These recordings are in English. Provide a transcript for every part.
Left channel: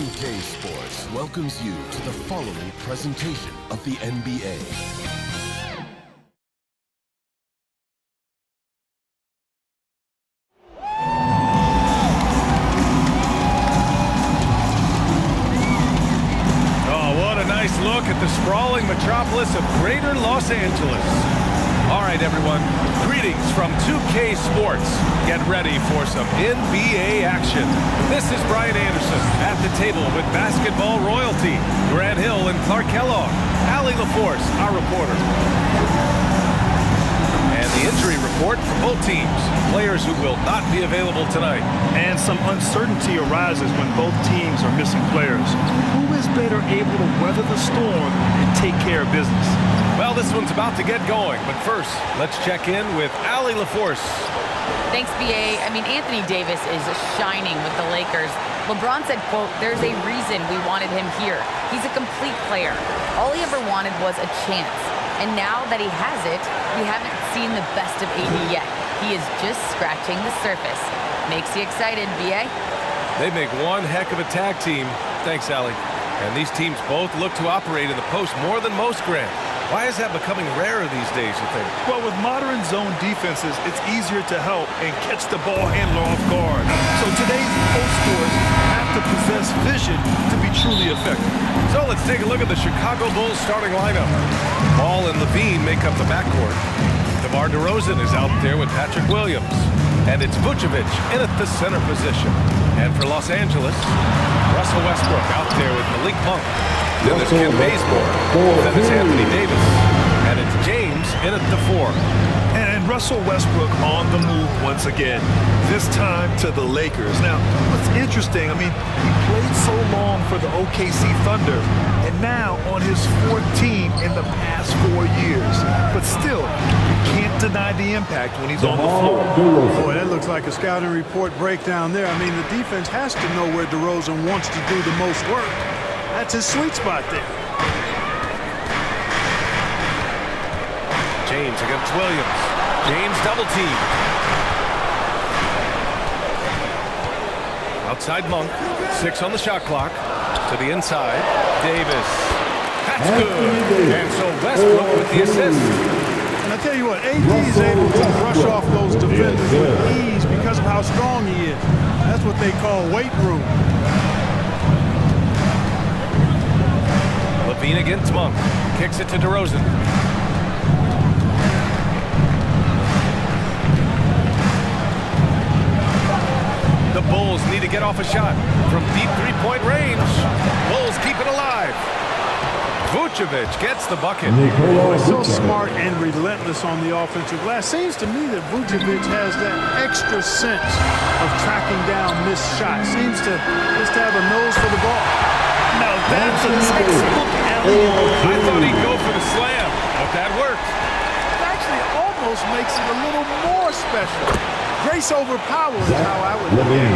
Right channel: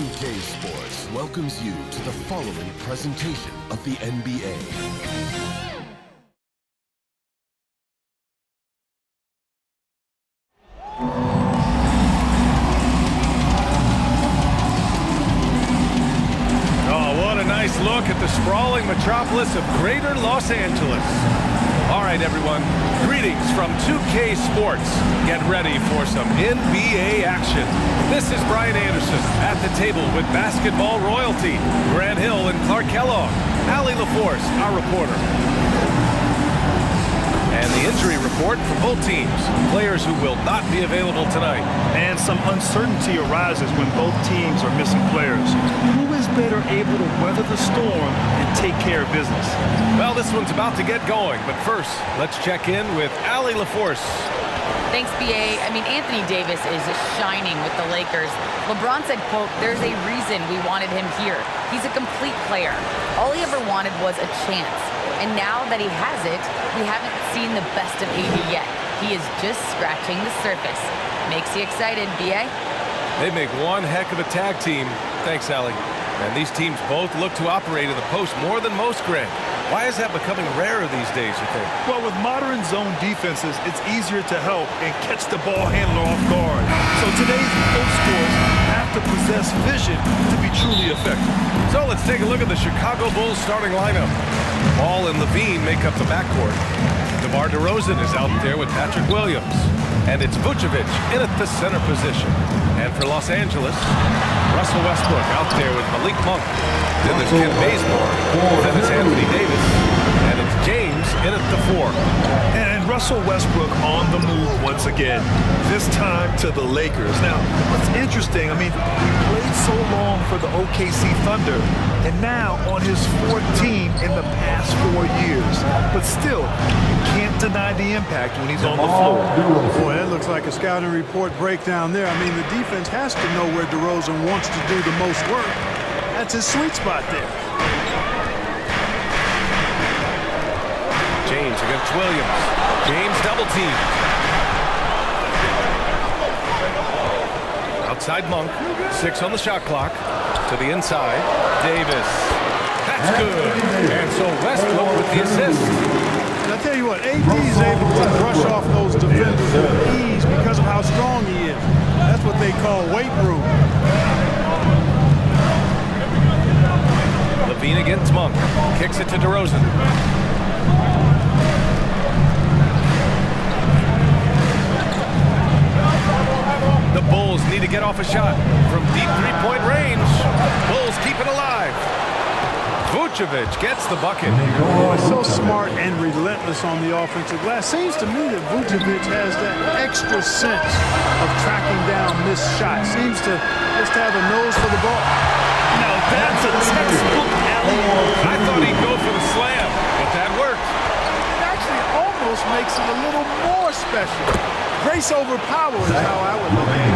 2K Sports welcomes you to the following presentation of the NBA. Oh, what a nice look at the sprawling metropolis of Greater Los Angeles. All right, everyone. Greetings from 2K Sports. Get ready for some NBA action. This is Brian Anderson at the table with basketball royalty. Grant Hill and Clark Kellogg. Allie LaForce, our reporter. And the injury report for both teams. Players who will not be available tonight. And some uncertainty arises when both teams are missing players. Who is better able to weather the storm and take care of business? Well, this one's about to get going, but first, let's check in with Allie LaForce. Thanks, B.A. Anthony Davis is shining with the Lakers. LeBron said, quote, "There's a reason we wanted him here. He's a complete player. All he ever wanted was a chance. And now that he has it, we haven't seen the best of AD yet. He is just scratching the surface." Makes you excited, B.A.? They make one heck of a tag team. Thanks, Allie. And these teams both look to operate in the post more than most, Grant. Why is that becoming rarer these days, you think? Well, with modern zone defenses, it's easier to help and catch the ball handler off guard. So today's post scorers have to possess vision to be truly effective. So let's take a look at the Chicago Bulls starting lineup. Ball and Levine make up the backcourt. DeMar DeRozan is out there with Patrick Williams. And it's Vucevic in at the center position. And for Los Angeles, Russell Westbrook out there with Malik Monk. Then there's Kent Bazemore. Then it's Anthony Davis. And it's James in at the 4. And Russell Westbrook on the move once again, this time to the Lakers. Now, what's interesting, he played so long for the OKC Thunder, and now on his 4th team in the past 4 years. But still, you can't deny the impact when he's on the floor. Boy, that looks like a scouting report breakdown there. The defense has to know where DeRozan wants to do the most work. That's his sweet spot there. James against Williams. James double team. Outside Monk. 6 on the shot clock. To the inside. Davis. That's good. And so Westbrook with the assist. And I tell you what, AD is able to brush off those defenders with ease because of how strong he is. That's what they call weight room. Levine against Monk. Kicks it to DeRozan. The Bulls need to get off a shot from deep three-point range. Bulls keep it alive. Vucevic gets the bucket. He's so smart and relentless on the offensive glass. Seems to me that Vucevic has that extra sense of tracking down missed shots. Seems to just have a nose for the ball. Now that's a textbook alley-oop. I thought he'd go for the slam, but that worked. It actually almost makes it a little more special. Grace over power is how I would look at it.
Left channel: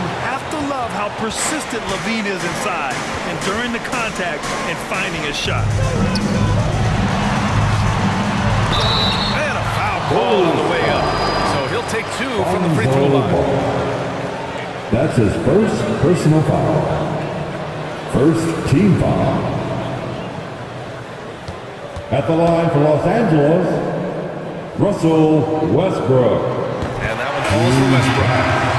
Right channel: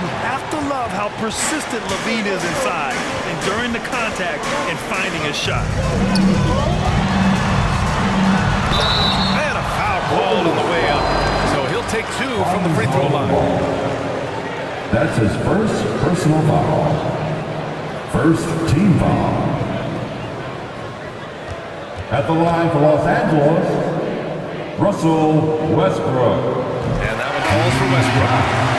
You have to love how persistent Levine is inside and during the contact and finding a shot. And a foul called on the way up. So he'll take 2 from the free throw line. That's his first personal foul. First team foul. At the line for Los Angeles, Russell Westbrook. And that one falls for Westbrook.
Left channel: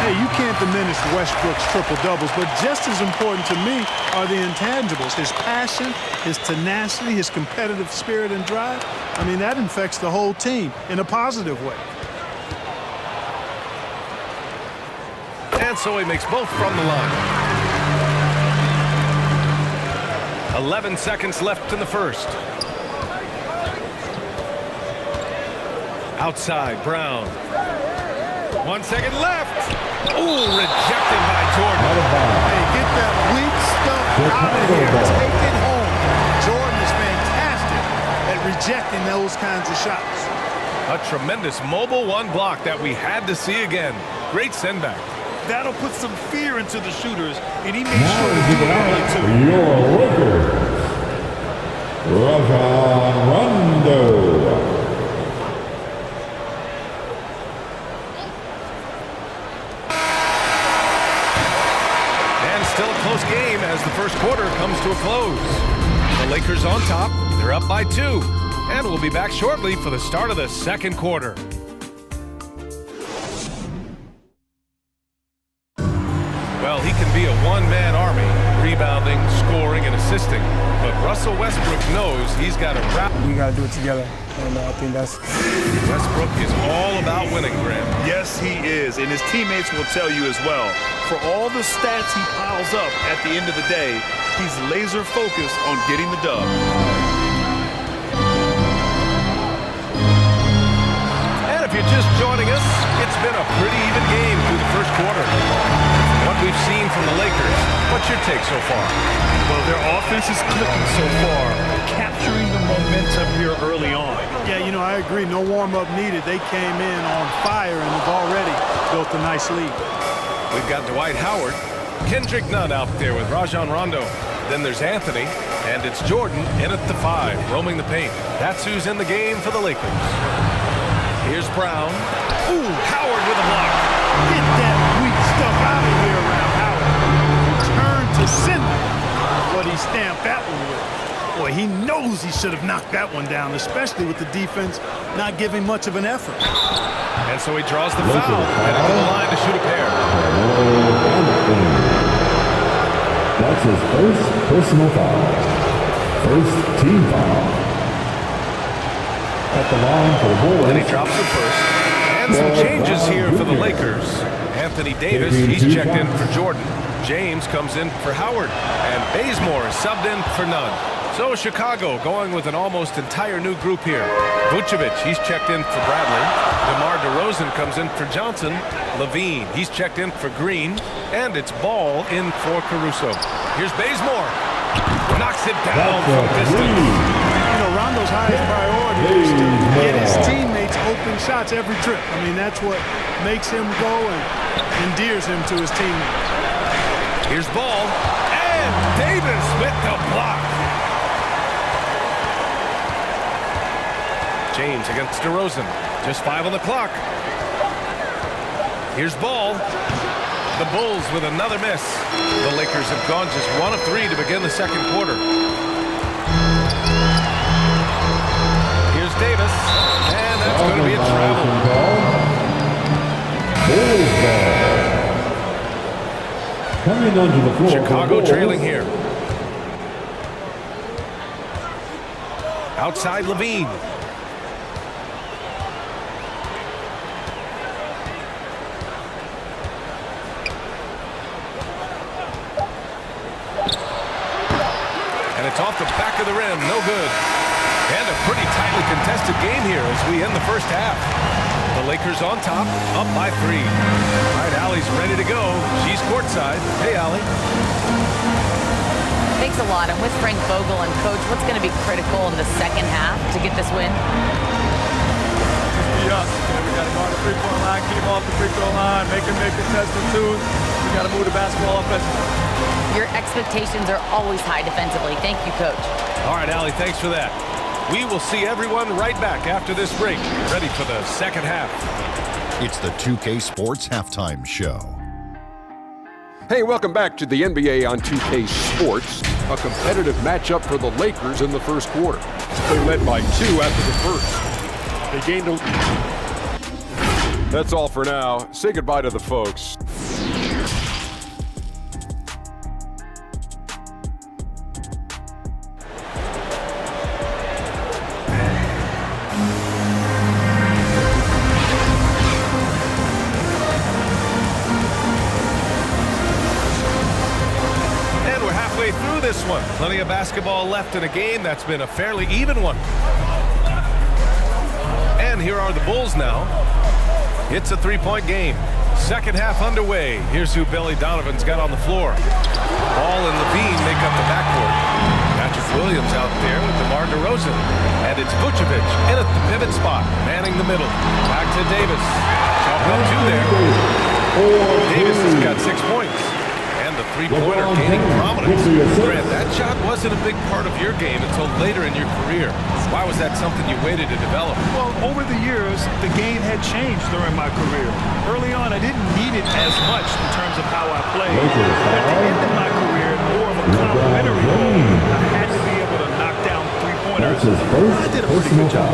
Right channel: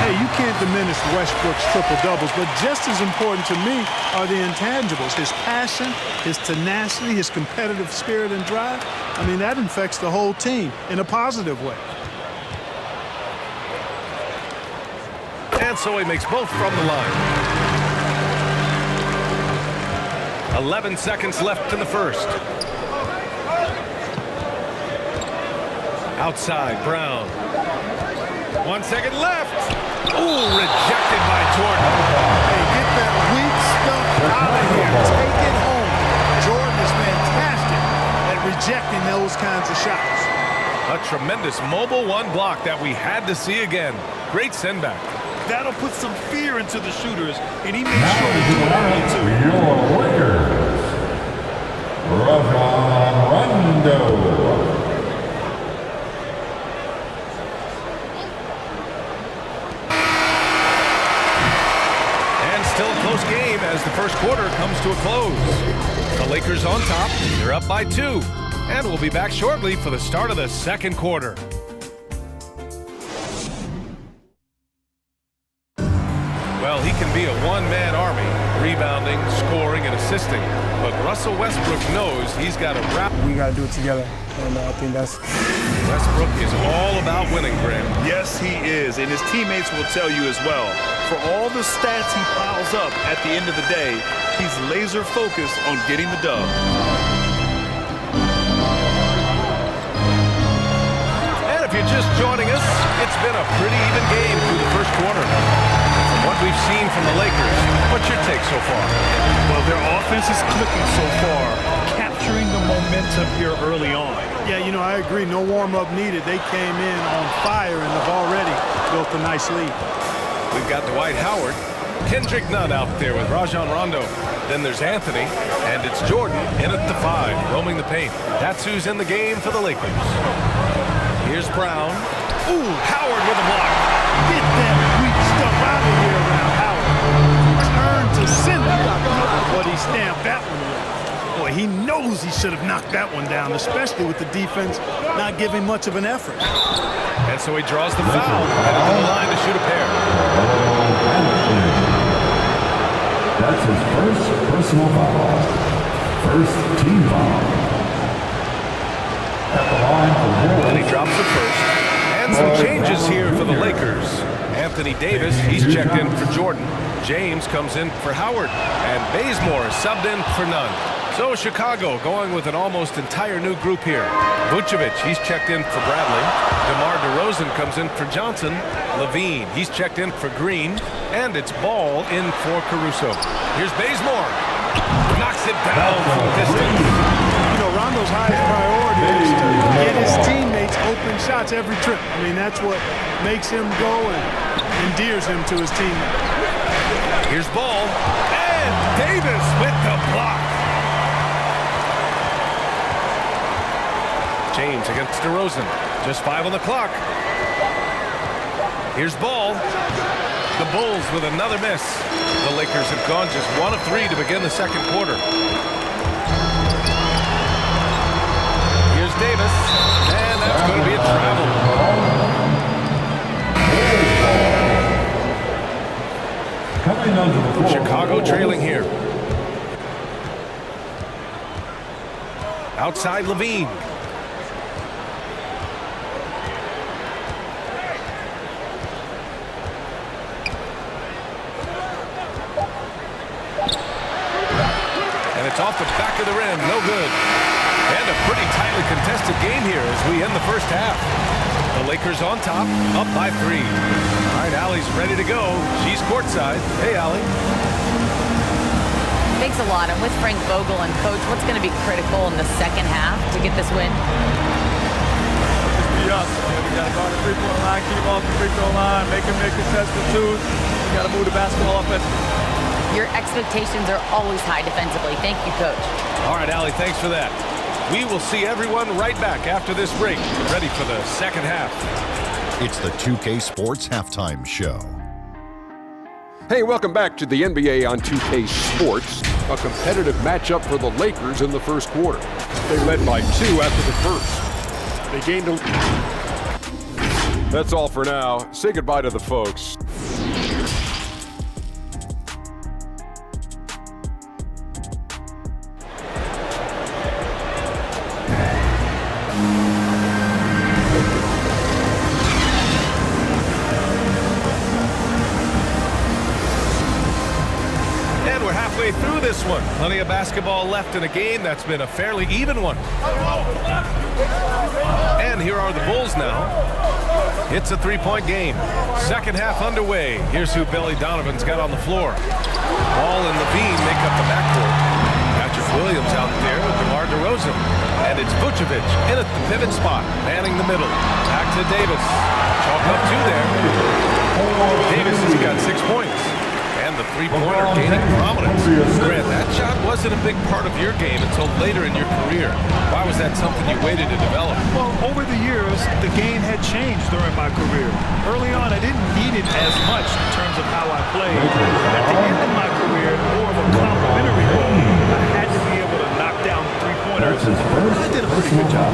Hey, you can't diminish Westbrook's triple-doubles, but just as important to me are the intangibles. His passion, his tenacity, his competitive spirit and drive. That infects the whole team in a positive way. And so he makes both from the line. 11 seconds left in the first. Outside, Brown. 1 second left. Ooh, rejected by Jordan. Hey, get that weak stuff out of here. Take it home. Jordan is fantastic at rejecting those kinds of shots. A tremendous mobile 1 block that we had to see again. Great send-back. That'll put some fear into the shooters, and he made sure to do it early, too. Your Lakers, Rajon Rondo. And still a close game as the first quarter comes to a close. The Lakers on top. They're up by 2. And we'll be back shortly for the start of the second quarter. Well, he can be a one-man army, rebounding, scoring, and assisting. But Russell Westbrook knows he's got to wrap. We got to do it together, and I think that's... Westbrook is all about winning, Graham. Yes, he is, and his teammates will tell you as well. For all the stats he piles up at the end of the day, he's laser focused on getting the dub. And if you're just joining us, it's been a pretty even game through the first quarter. From what we've seen from the Lakers, what's your take so far? Well, their offense is clicking so far, capturing the momentum here early on. Yeah, you know, I agree. No warm-up needed. They came in on fire and have already built a nice lead. We've got Dwight Howard, Kendrick Nunn out there with Rajon Rondo. Then there's Anthony, and it's Jordan in at the 5, roaming the paint. That's who's in the game for the Lakers. Here's Brown. Ooh, Howard with a block. Get that weak stuff out of here around Howard. Return to sender. What he stamped that one with. Boy, he knows he should have knocked that one down, especially with the defense not giving much of an effort. And so he draws the foul, headed to the line to shoot a pair. That's his first personal foul. First team foul. At the line for the Bulls. And he drops the first. And some changes here for the Lakers. Anthony Davis, he's checked in for Jordan. James comes in for Howard. And Bazemore is subbed in for Nunn. So Chicago going with an almost entire new group here. Vucevic, he's checked in for Bradley. DeMar DeRozan comes in for Johnson. Levine, he's checked in for Green. And it's Ball in for Caruso. Here's Bazemore. Knocks it down from distance. You know, Rondo's highest priority is to get his teammates open shots every trip. I mean, that's what makes him go and endears him to his teammates. Here's Ball. And Davis with the block. James against DeRozan. Just 5 on the clock. Here's Ball. The Bulls with another miss. The Lakers have gone just 1 of 3 to begin the second quarter. Here's Davis. And that's going to be a travel. Coming onto the floor. Chicago trailing here. Outside Levine. And it's off the back of the rim. No good. And a pretty tightly contested game here as we end the first half. The Lakers on top, up by 3. All right, Allie's ready to go. She's courtside. Hey, Allie. Thanks a lot. I'm with Frank Vogel. And, Coach, what's going to be critical in the second half to get this win? Just be us. Okay? We got to guard the three-point line, keep off the free throw line, make contested twos. We got to move the basketball offensively. Your expectations are always high defensively. Thank you, Coach. All right, Allie, thanks for that. We will see everyone right back after this break, ready for the second half. It's the 2K Sports Halftime Show. Hey, welcome back to the NBA on 2K Sports. A competitive matchup for the Lakers in the first quarter. They led by 2 after the first. They gained a... That's all for now. Say goodbye to the folks. Through this one. Plenty of basketball left in a game that's been a fairly even one. And here are the Bulls now. It's a 3-point game. Second half underway. Here's who Billy Donovan's got on the floor. Ball and Levine make up the backcourt. Patrick Williams out there with DeMar DeRozan. And it's Vucevic in at the pivot spot, manning the middle. Back to Davis. Chalk up 2 there. Davis has got 6 points. And the three-pointer gaining prominence. Grant, that shot wasn't a big part of your game until later in your career. Why was that something you waited to develop? Well, over the years, the game had changed during my career. Early on, I didn't need it as much in terms of how I played. But at the end of his first I did a pretty good job.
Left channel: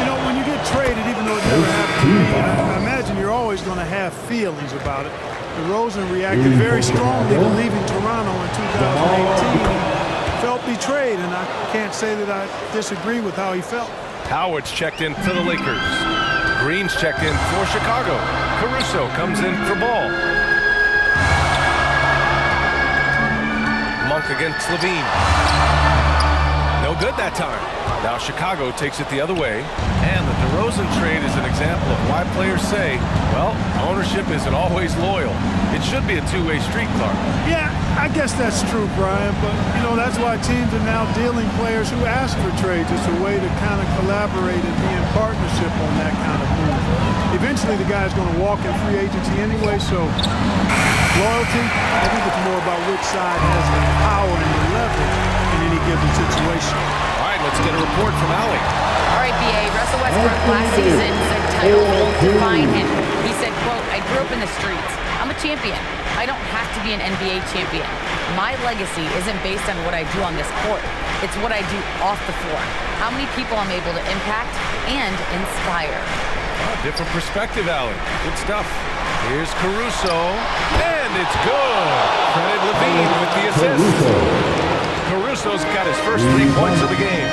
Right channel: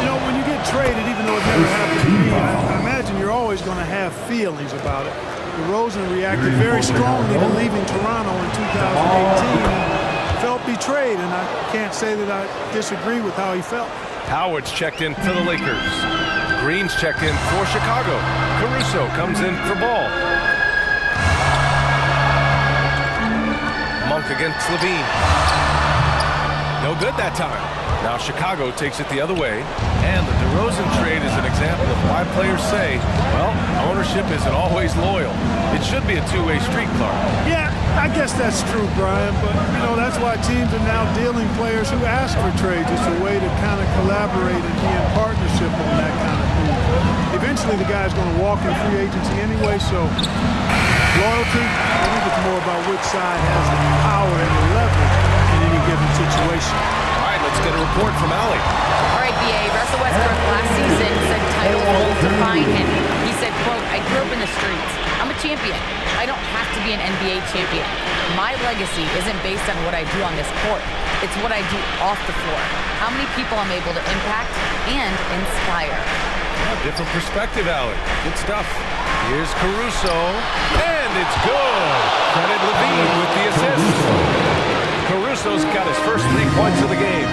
You know, when you get traded, even though it never happened to me, I imagine you're always going to have feelings about it. DeRozan reacted very strongly to leaving Toronto in 2018 and felt betrayed, and I can't say that I disagree with how he felt. Howard's checked in for the Lakers. Green's checked in for Chicago. Caruso comes in for Ball. Monk against Levine. No good that time. Now Chicago takes it the other way. And the DeRozan trade is an example of why players say, well, ownership isn't always loyal. It should be a two-way street, Clark. Yeah, I guess that's true, Brian, but, you know, that's why teams are now dealing players who ask for trades. It's a way to kind of collaborate and be in partnership on that kind of move. Eventually, the guy's going to walk in free agency anyway, so loyalty, I think it's more about which side has the power and the leverage in any given situation. All right, let's get a report from Allie. All right, BA, Russell Westbrook last season said titles won't define him. He said, quote, I grew up in the streets. I'm a champion. I don't have to be an NBA champion. My legacy isn't based on what I do on this court. It's what I do off the floor. How many people I'm able to impact and inspire. Oh, different perspective, Allie. Good stuff. Here's Caruso, and it's good. Credit Levine with the assist. Caruso's got his first 3 points of the game.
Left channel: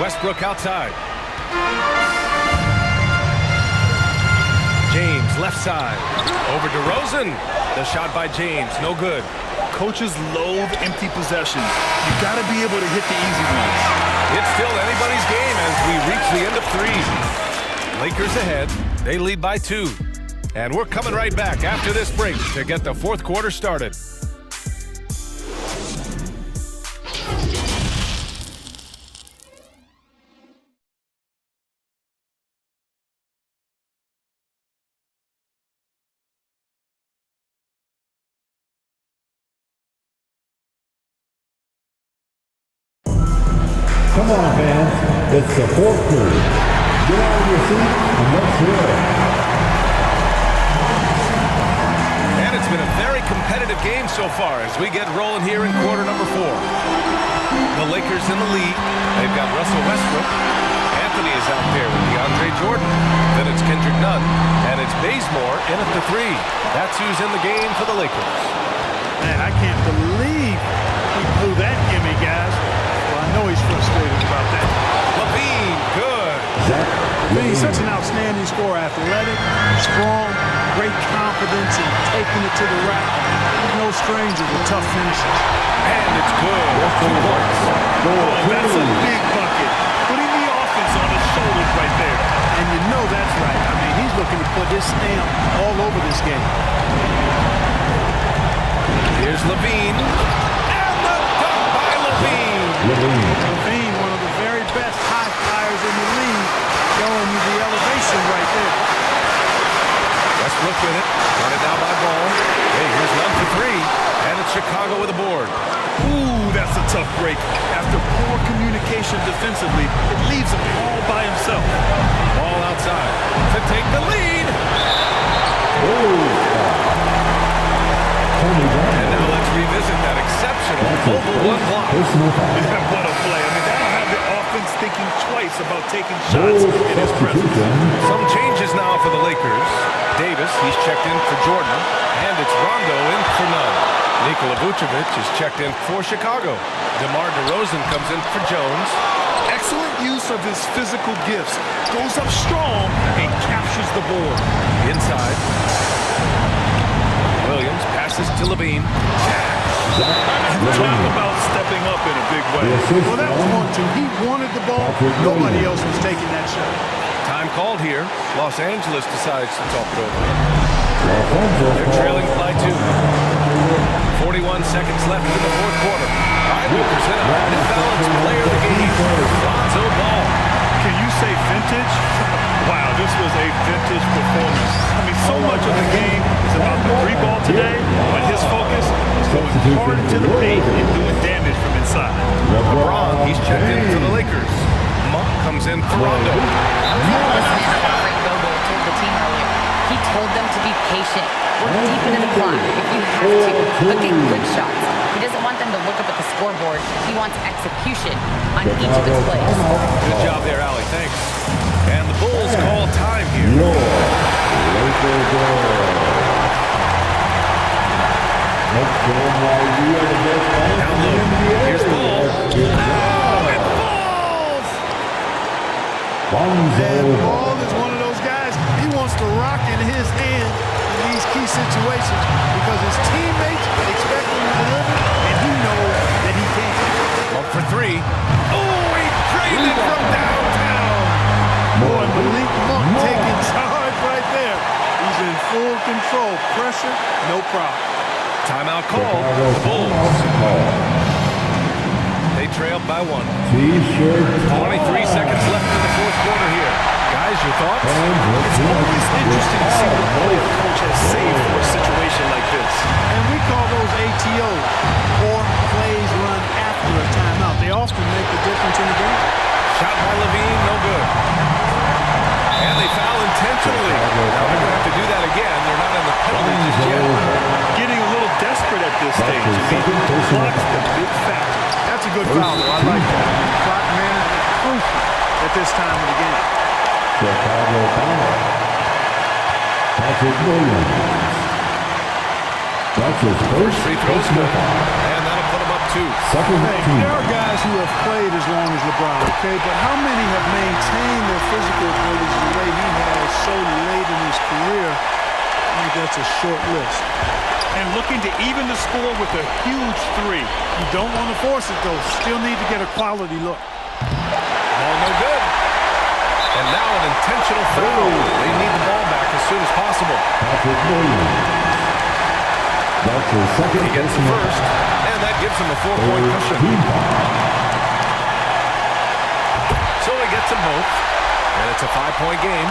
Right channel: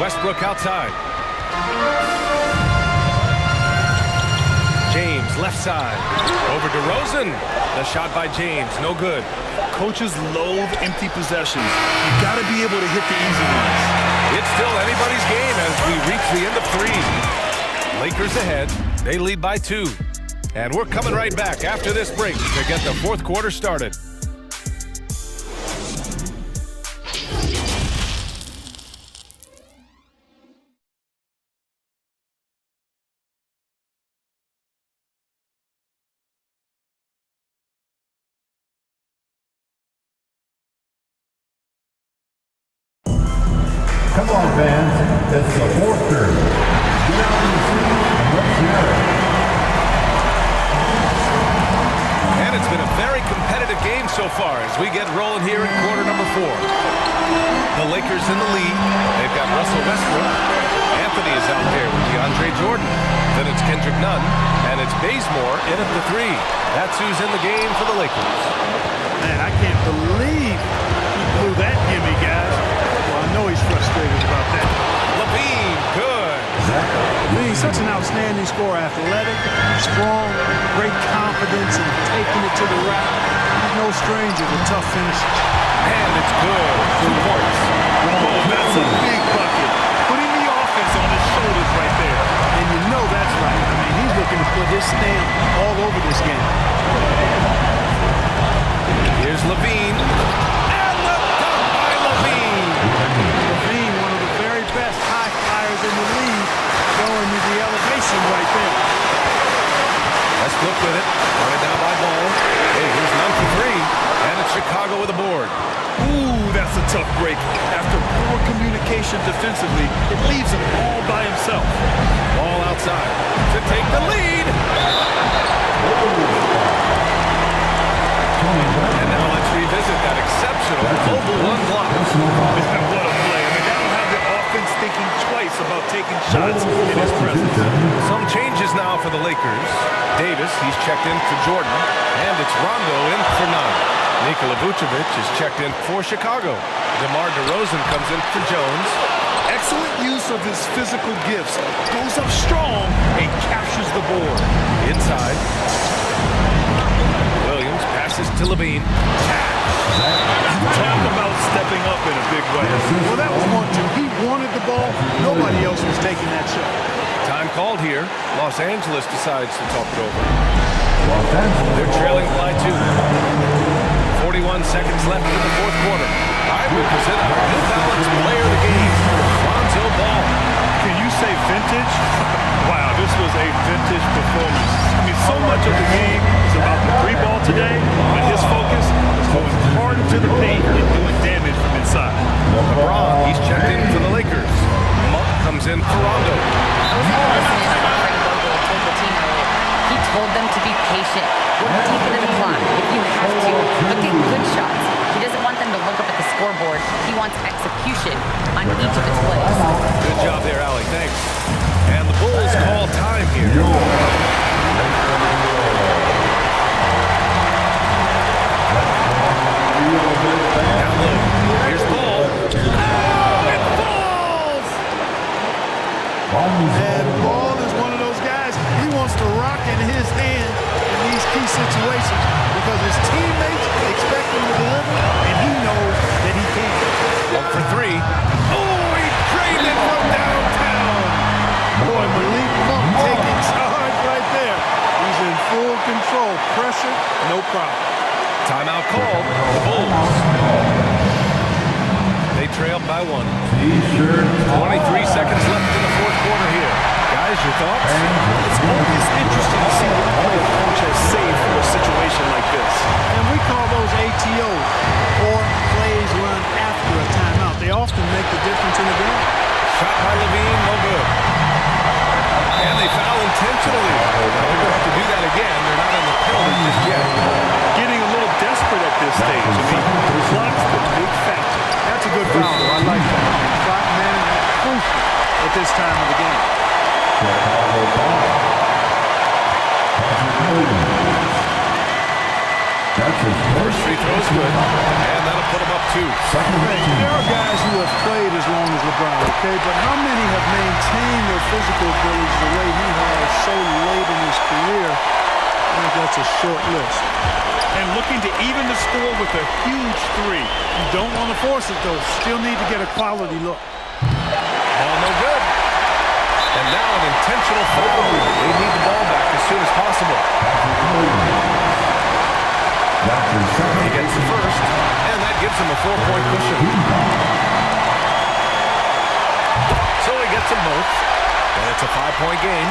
Westbrook outside. James left side. Over DeRozan. The shot by James, no good. Coaches loathe empty possessions. You got to be able to hit the easy ones. It's still anybody's game as we reach the end of 3. Lakers ahead. They lead by 2. And we're coming right back after this break to get the fourth quarter started. Come on, fans. It's the fourth period. Get out of your seat and let's hear it. And it's been a very competitive game so far as we get rolling here in quarter number 4. The Lakers in the lead. They've got Russell Westbrook. Anthony is out there with DeAndre Jordan. Then it's Kendrick Nunn. And it's Bazemore in at the 3. That's who's in the game for the Lakers. Man, I can't believe he blew that gimme, guys. Well, I know he's frustrated about that. Levine, good. Levine's such an outstanding scorer, athletic, strong, great confidence in taking it to the rack. He's no stranger to tough finishes. And it's good. 2 points. Oh, that's a big bucket. Putting the offense on his shoulders right there. And you know that's right. I mean, he's looking to put his stamp all over this game. Here's Levine. And the dunk by Levine. Levine, one of the very best high flyers in the league, showing you the elevation right there. Westbrook with it. Guarded now by Ball. Hey, here's Nunn for 3. And it's Chicago with a board. Ooh, that's a tough break. After poor communication defensively, it leaves him all by himself. Ball outside to take the lead. And now let's revisit that exceptional mobile 1 block. Yeah, what a play. I mean, that'll have the offense thinking twice about taking shots in his presence. Some changes now for the Lakers. Davis, he's checked in for Jordan. And it's Rondo in for Nunn. Nikola Vucevic is checked in for Chicago. DeMar DeRozan comes in for Jones. Excellent use of his physical gifts. Goes up strong and captures the board. Inside. Williams passes to Levine. Talk about stepping up in a big way. Well, that was 1-2. He wanted the ball. Nobody else was taking that shot. Time called here. Los Angeles decides to talk it over. They're trailing by 2. 41 seconds left in the fourth quarter. All right, we present our New Balance player of the game, Lonzo Ball. Can you say vintage? Wow, this was a vintage performance. I mean, so much of the game is about the 3 ball today, but his focus is going hard into the paint and doing damage from inside. LeBron, he's checked in for the Lakers. Monk comes in for Rondo. I was able to listen in on what Frank Vogel told the team earlier. He told them to be patient. Work deep into the clock if you have to, but get good shots. He doesn't want them to look up at the scoreboard. He wants execution on each of its plays. Good job there, Allie. Thanks. And the Bulls call time here. Your Lakers ball. Let's show them why we are the best fans. Down low. Here's Ball. Oh, it falls! And Ball is one of those guys, he wants to rock in his hand in these key situations because his teammates expect him to deliver, and he knows that he can. Up for three. Oh, he drained it from downtown. Boy, Malik Monk taking charge right there. He's in full control. Pressure, no problem. Timeout called. The Bulls. They trailed by 1. T-shirt. 23 seconds left in the fourth quarter here. Guys, your thoughts? It's always interesting to see what play a coach has saved for a situation like this. And we call those ATOs, or plays run after a timeout. They often make the difference in the game. Shot by Levine, no good. And they foul intentionally. Now they're going to have to do that again. They're not in the penalty just yet. Getting a little desperate at this stage. I mean, the clock's the big factor. That's a good foul, though. I like that. I mean, clock management crucial at this time of the game. Chicago foul. Patrick Williams. That's his First free throw's good. And that'll put him up 2. Second Hey, team. there are guys who have played as long as LeBron, okay? But how many have maintained their physical abilities the way he has so late in his career? I think that's a short list. And looking to even the score with a huge 3. You don't want to force it, though. Still need to get a quality look. Ball no good. And now an intentional foul. They need the ball back as soon as possible. Patrick Williams. That's his second. He gets the first, and that gives him a 4-point cushion. Team foul. So he gets them both, and it's a 5-point game.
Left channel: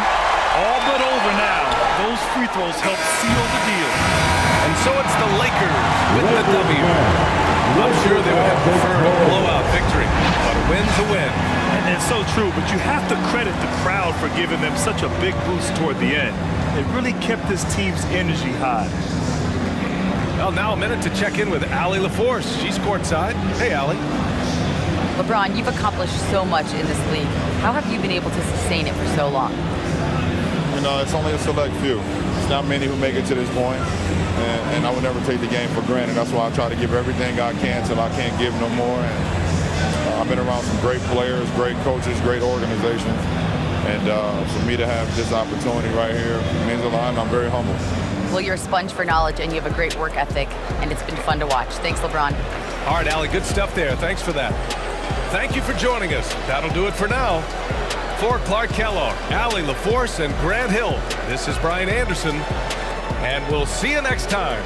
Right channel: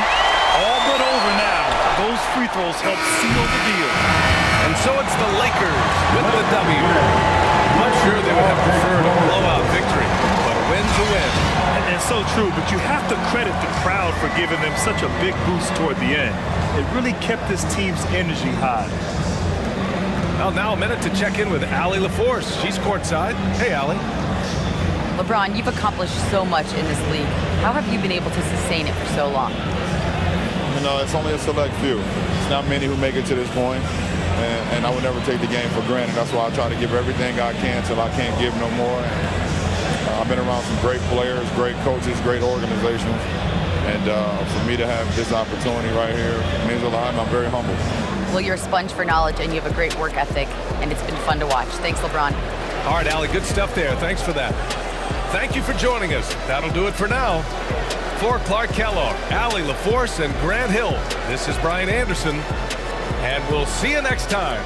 All but over now. Those free throws help seal the deal. And so it's the Lakers with the W. I'm sure they would have preferred a blowout victory, but a win's a win. And it's so true, but you have to credit the crowd for giving them such a big boost toward the end. It really kept this team's energy high. Well, now a minute to check in with Allie LaForce. She's courtside. Hey, Allie. LeBron, you've accomplished so much in this league. How have you been able to sustain it for so long? You know, it's only a select few. It's not many who make it to this point, and I would never take the game for granted. That's why I try to give everything I can till I can't give no more. And I've been around some great players, great coaches, great organizations, and for me to have this opportunity right here means a lot, and I'm very humble. Well, you're a sponge for knowledge, and you have a great work ethic, and it's been fun to watch. Thanks, LeBron. All right, Allie, good stuff there. Thanks for that. Thank you for joining us. That'll do it for now. For Clark Kellogg, Allie LaForce, and Grant Hill, this is Brian Anderson, and we'll see you next time.